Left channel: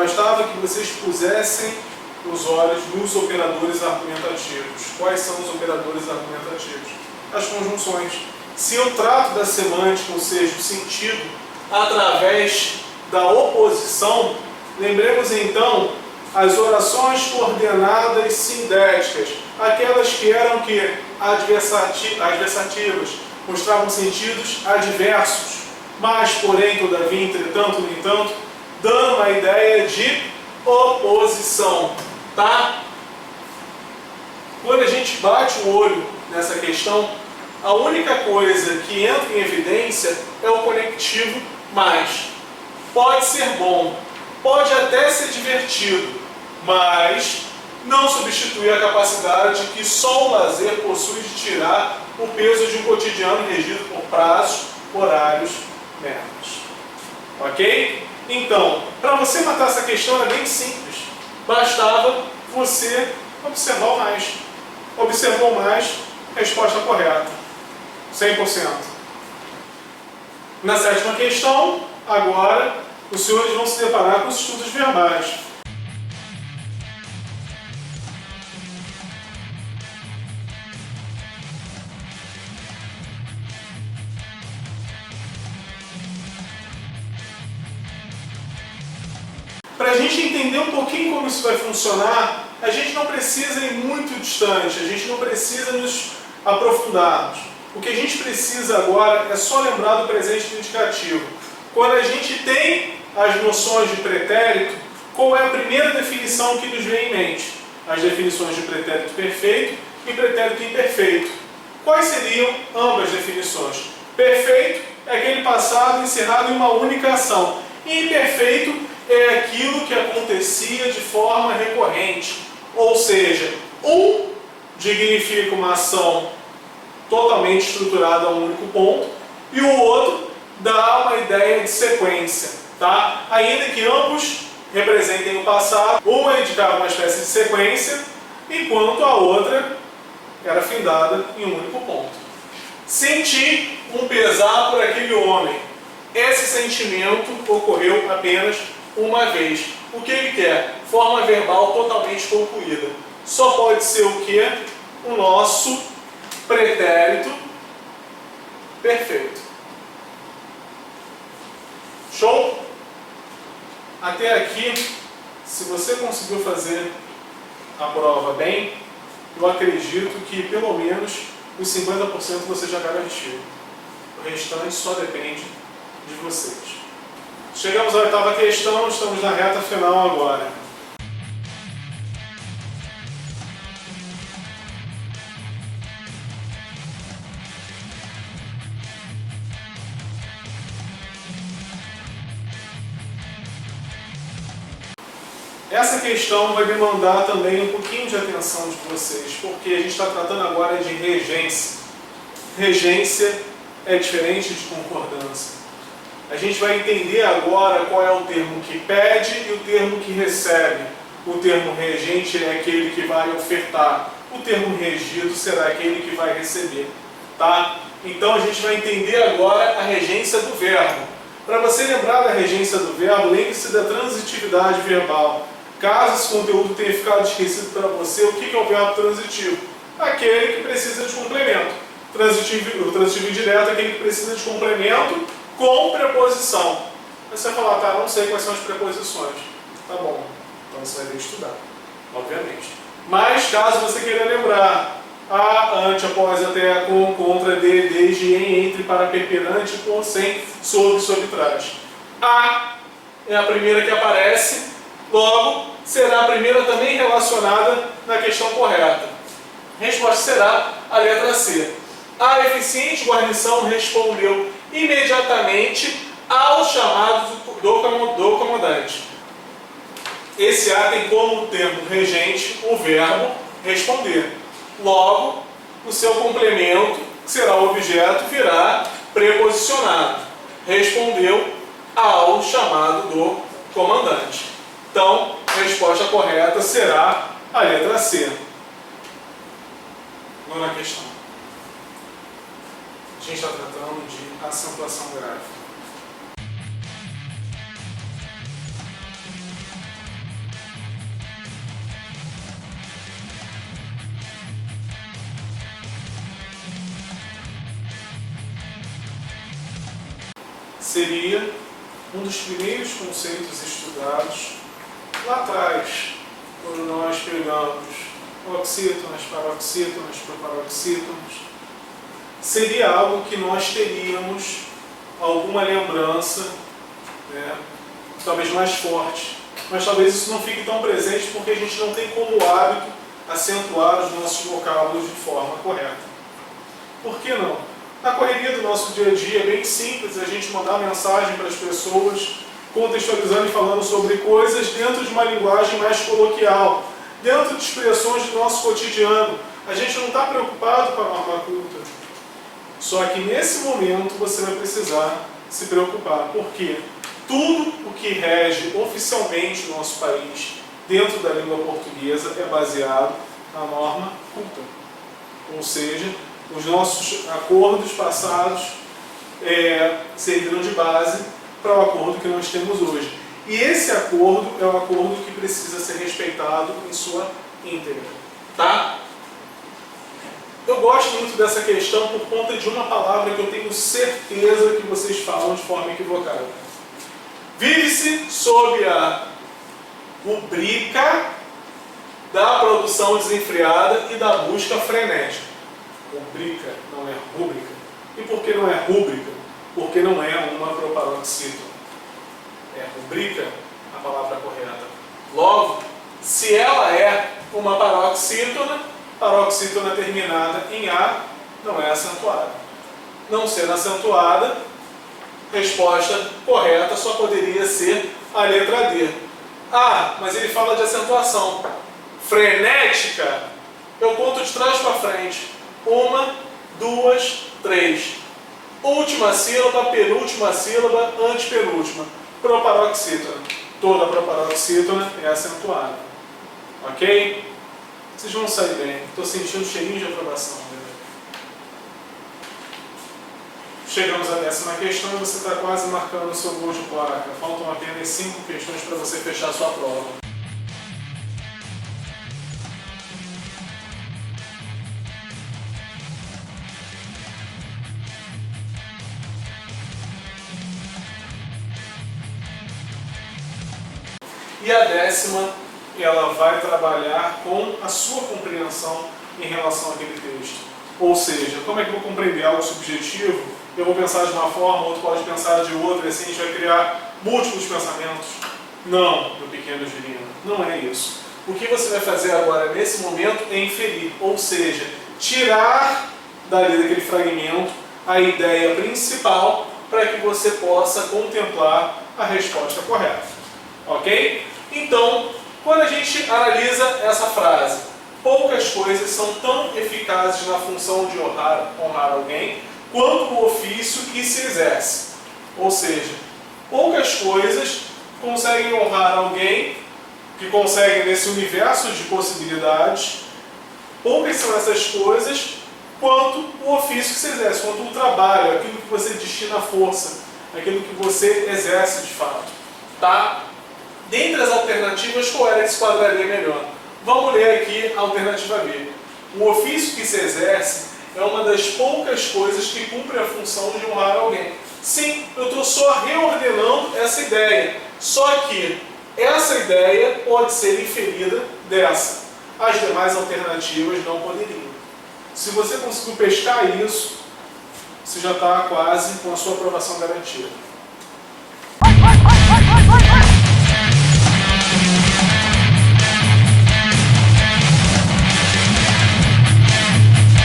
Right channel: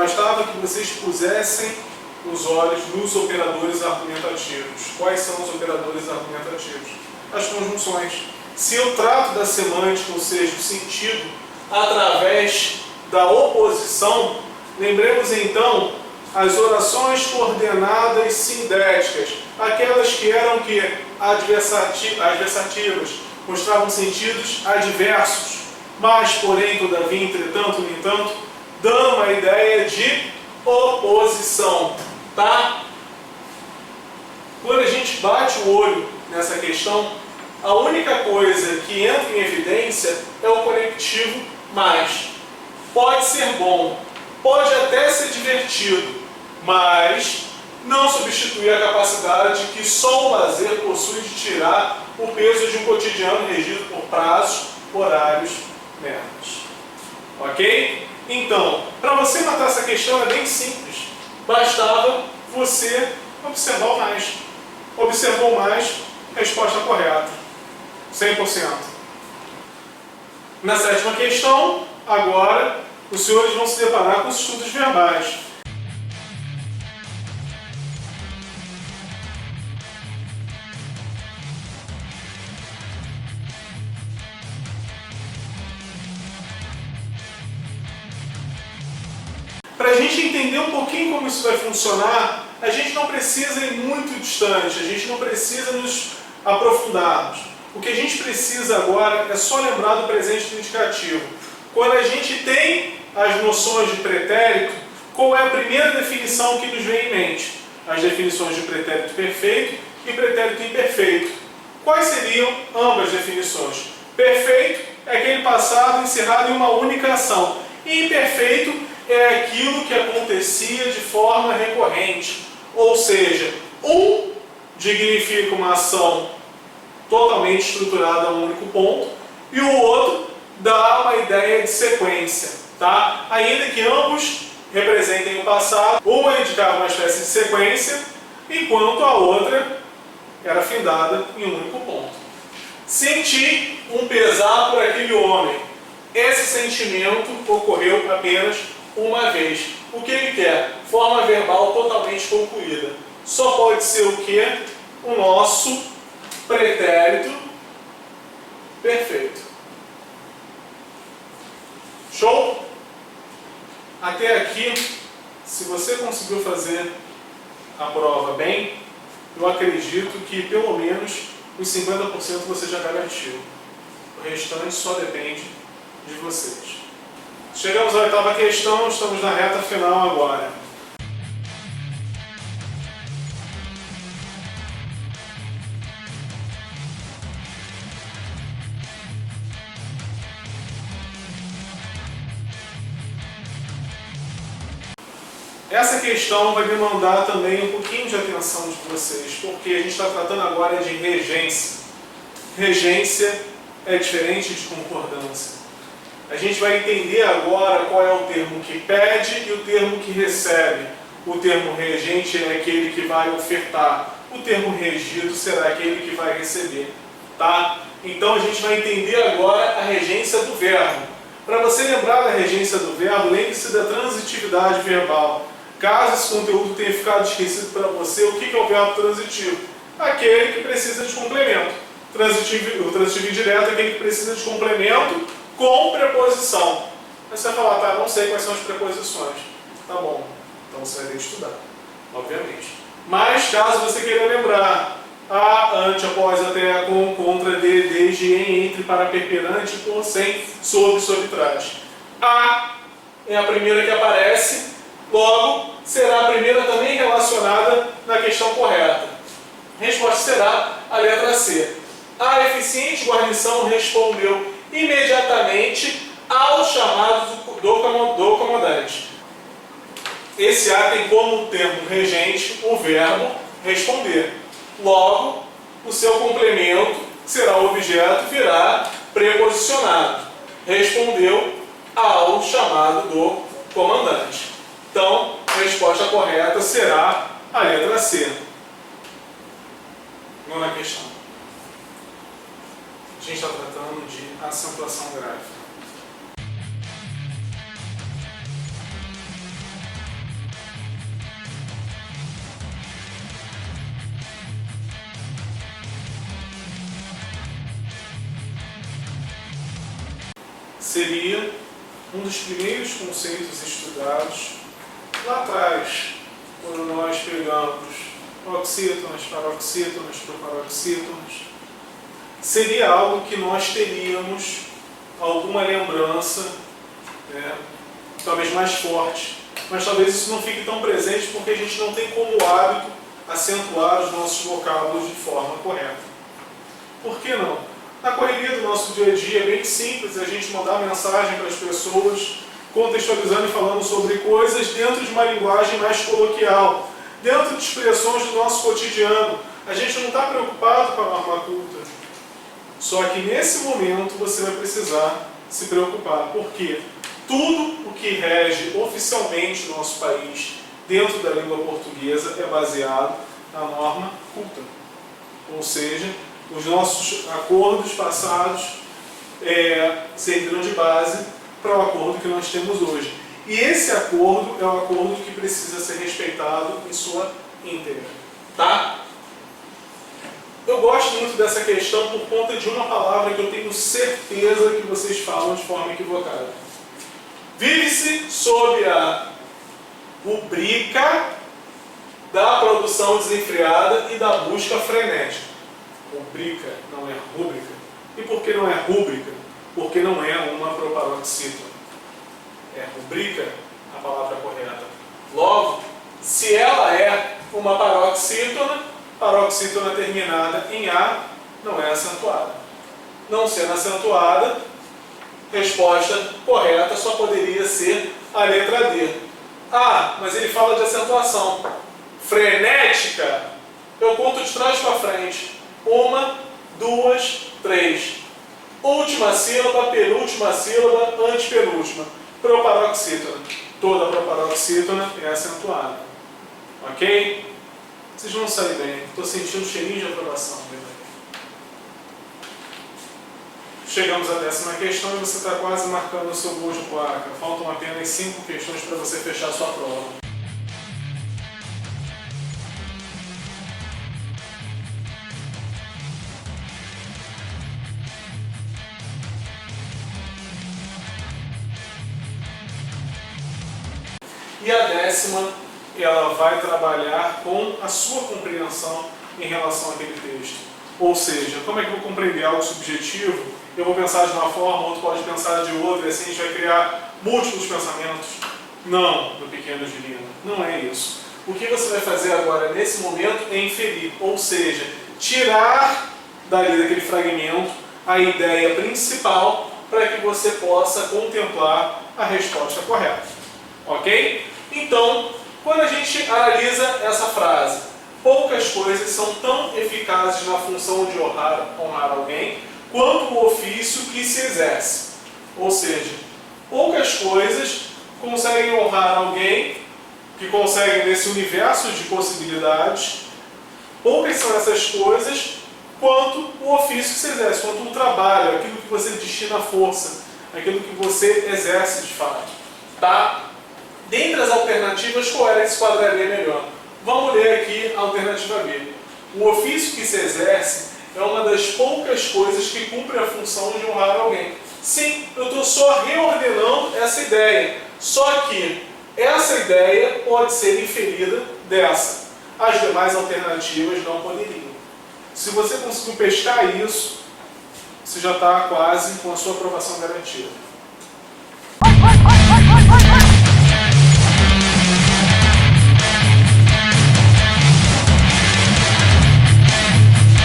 bastava que vocês pusessem os olhos nos operadores argumentativos. Quais são os operadores argumentativos? As conjunções. Se eu trato da semântica, ou seja, do sentido, através da oposição, lembremos então as orações coordenadas sindéticas, aquelas que eram adversativas, mostravam sentidos adversos, mas, porém, todavia, entretanto, no entanto, dando uma ideia de oposição, tá? Quando a gente bate o olho nessa questão, a única coisa que entra em evidência é o conectivo mais. Pode ser bom, pode até ser divertido, mas não substitui a capacidade que só o lazer possui de tirar o peso de um cotidiano regido por prazos, horários, metas. Ok? Então, para você matar essa questão é bem simples. Bastava você observar o mais. Observou mais, resposta correta. 100%. Na sétima questão, agora, os senhores vão se deparar com os estudos verbais. Para a gente entender um pouquinho como isso vai funcionar, a gente não precisa ir muito distante, a gente não precisa nos aprofundarmos. O que a gente precisa agora é só lembrar do presente do indicativo. Quando a gente tem as noções de pretérito, qual é a primeira definição que nos vem em mente? As definições de pretérito perfeito e pretérito imperfeito. Quais seriam ambas definições? Perfeito é aquele passado encerrado em uma única ação. E imperfeito é aquilo que acontecia de forma recorrente. Ou seja, um dignifica uma ação totalmente estruturada a um único ponto e o outro dá uma ideia de sequência, tá? Ainda que ambos representem o passado, uma indicava uma espécie de sequência, enquanto a outra era findada em um único ponto. Senti um pesar por aquele homem. Esse sentimento ocorreu apenas uma vez. O que ele quer? Forma verbal totalmente concluída. Só pode ser o que? O nosso pretérito perfeito. Show? Até aqui, se você conseguiu fazer a prova bem, eu acredito que pelo menos os 50% você já garantiu. O restante só depende de vocês. Chegamos à oitava questão, estamos na reta final agora. Essa questão vai demandar também um pouquinho de atenção de vocês, porque a gente está tratando agora de regência. Regência é diferente de concordância. A gente vai entender agora qual é o termo que pede e o termo que recebe. O termo regente é aquele que vai ofertar. O termo regido será aquele que vai receber. Tá? Então a gente vai entender agora a regência do verbo. Para você lembrar da regência do verbo, lembre-se da transitividade verbal. Caso esse conteúdo tenha ficado esquecido para você, o que é o verbo transitivo? Aquele que precisa de complemento. O transitivo indireto é aquele que precisa de complemento com preposição. Aí você vai falar, tá, não sei quais são as preposições. Tá bom, então você vai ter que estudar, obviamente. Mas, caso você queira lembrar, a, ante, após, até, com, contra, de, desde, em, entre, para, perante, por, sem, sobre, sobre, trás. A é a primeira que aparece, logo, será a primeira também relacionada na questão correta. A resposta será a letra C. A eficiente guarnição respondeu imediatamente ao chamado do comandante. Esse A tem como termo regente o verbo responder. Logo, o seu complemento, que será o objeto, virá preposicionado. Respondeu ao chamado do comandante. Então, a resposta correta será a letra C. Nona questão. A gente está tratando de acentuação gráfica. seria um dos primeiros conceitos estudados lá atrás, quando nós pegamos oxítonas, paroxítonas, proparoxítonas. Seria algo que nós teríamos alguma lembrança, né, talvez mais forte, mas talvez isso não fique tão presente porque a gente não tem como hábito acentuar os nossos vocábulos de forma correta. Por que não? Na correria do nosso dia a dia é bem simples a gente mandar mensagem para as pessoas, contextualizando e falando sobre coisas dentro de uma linguagem mais coloquial, dentro de expressões do nosso cotidiano. A gente não está preocupado com a norma culta. Só que nesse momento você vai precisar se preocupar, porque tudo o que rege oficialmente no nosso país, dentro da língua portuguesa, é baseado na norma culta. Ou seja, os nossos acordos passados serviram de base para o acordo que nós temos hoje. E esse acordo é um acordo que precisa ser respeitado em sua íntegra. Tá? Eu gosto muito dessa questão por conta de uma palavra que eu tenho certeza que vocês falam de forma equivocada. Vive-se sob a rubrica da produção desenfreada e da busca frenética. Rubrica não é rúbrica. E por que não é rúbrica? Porque não é uma proparoxítona. É rubrica a palavra correta. Logo, se ela é uma paroxítona, paroxítona terminada em A não é acentuada. Não sendo acentuada, resposta correta só poderia ser a letra D. Ah, mas ele fala de acentuação. Frenética, eu conto de trás para frente. 1, 2, 3. Última sílaba, penúltima sílaba, antepenúltima. Proparoxítona. Toda proparoxítona é acentuada. Ok? Vocês vão sair bem. Estou sentindo um cheirinho de aprovação. Chegamos à 10ª questão e você está quase marcando o seu gol de placa. Faltam apenas 5 questões para você fechar a sua prova. E a 10ª, ela vai trabalhar com a sua compreensão em relação àquele texto. Ou seja, como é que eu vou compreender algo subjetivo? Eu vou pensar de uma forma, outro pode pensar de outra, e assim a gente vai criar múltiplos pensamentos. Não, meu pequeno Girino, não é isso. O que você vai fazer agora, nesse momento, é inferir, ou seja, tirar dali daquele fragmento a ideia principal para que você possa contemplar a resposta correta. Ok? Então, quando a gente analisa essa frase, poucas coisas são tão eficazes na função de honrar alguém quanto o ofício que se exerce. Ou seja, poucas coisas conseguem honrar alguém, que conseguem nesse universo de possibilidades, poucas são essas coisas quanto o ofício que se exerce, quanto o trabalho, aquilo que você destina a força, aquilo que você exerce de fato. Tá? Dentre as alternativas, qual era que se quadraria melhor? Vamos ler aqui a alternativa B. O ofício que se exerce é uma das poucas coisas que cumpre a função de honrar alguém. Sim, eu estou só reordenando essa ideia. Só que essa ideia pode ser inferida dessa. As demais alternativas não poderiam. Se você conseguiu pescar isso, você já está quase com a sua aprovação garantida.